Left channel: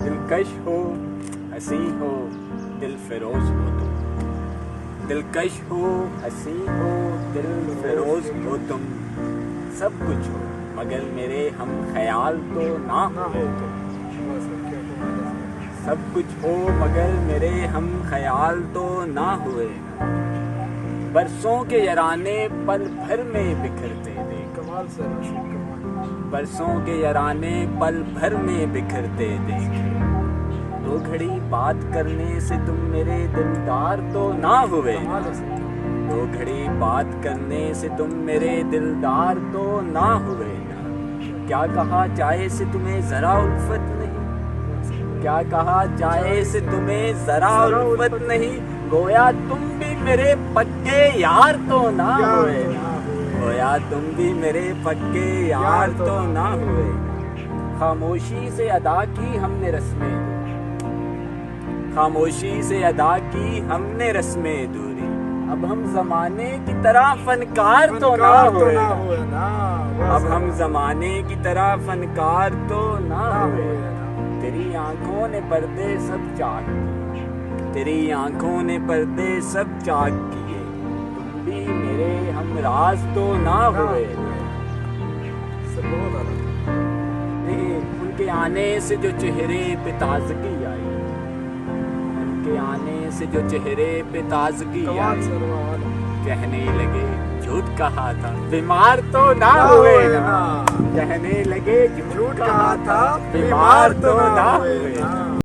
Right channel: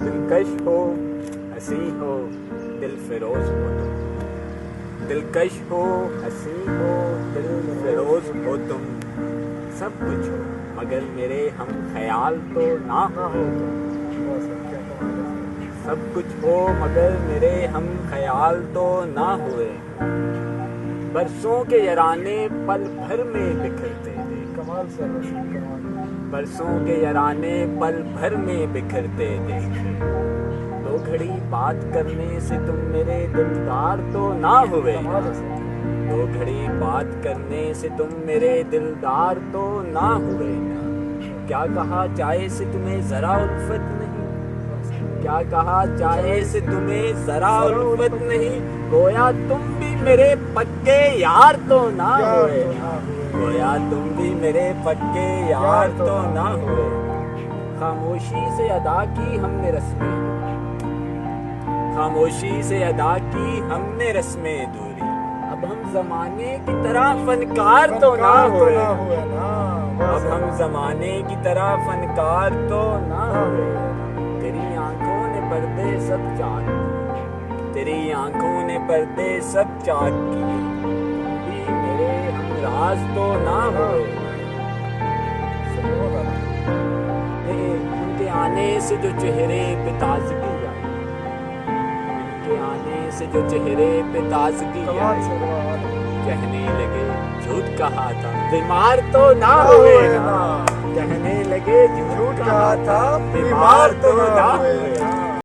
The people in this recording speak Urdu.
دلکش ہو ہنسی ہو دل فروز ہو تم، دلکش ہو ہنسی ہو دل فروز ہو تم، سب کچھ ہو مگر میرے ہم خیال تو نہ ہو تم، سب کچھ ہو مگر میرے ہم خیال تو نہ ہوئے، برسوں کے یارانے پل بھر میں بکھرتے دیکھ، کمال سے برسوں کے یارانے پل بھر میں بکھرتے دیکھ، دو گھڑی بات کرنے سے تم میرے دلدار تو نہ ہوئے، دو گھڑی بات کرنے سے تم میرے دلدار تو نہ ہوئے، کیا کہا جائے سے تمہیں ذرا الفت نہیں، کیا کہا جائے سے تمہیں ذرا الفت نہیں، گویا تم بھی میرے پکے یار تو نہ ہوئے، گویا تم بھی میرے پکے یار تو نہ ہوئے، خاموشی سے ادا کی ہم نے رسمیں، خاموشی سے ادا کی ہم نے رسمیں دوری، اب ہم زمانے کی طرح فنکار تو نہ ہوئے، اب ہم زمانے کی طرح فنکار تو نہ ہوئے، تیری آنکھوں نے پردے سب چاک کیے، تیری آنکھوں نے پردے سب چاک کیے، تم بھی میرے ہم راز تو نہ ہوئے، ان کے آنے سے جو چہرے پہ تازگی آئی، ان کے آنے سے جو چہرے پہ تازگی آئی، کہنے لگے جھوٹ کہا تھا بیمار تو نہ ہوئے گا، کہنے لگے جھوٹ کہا تھا بیمار تو نہ ہوئے گا۔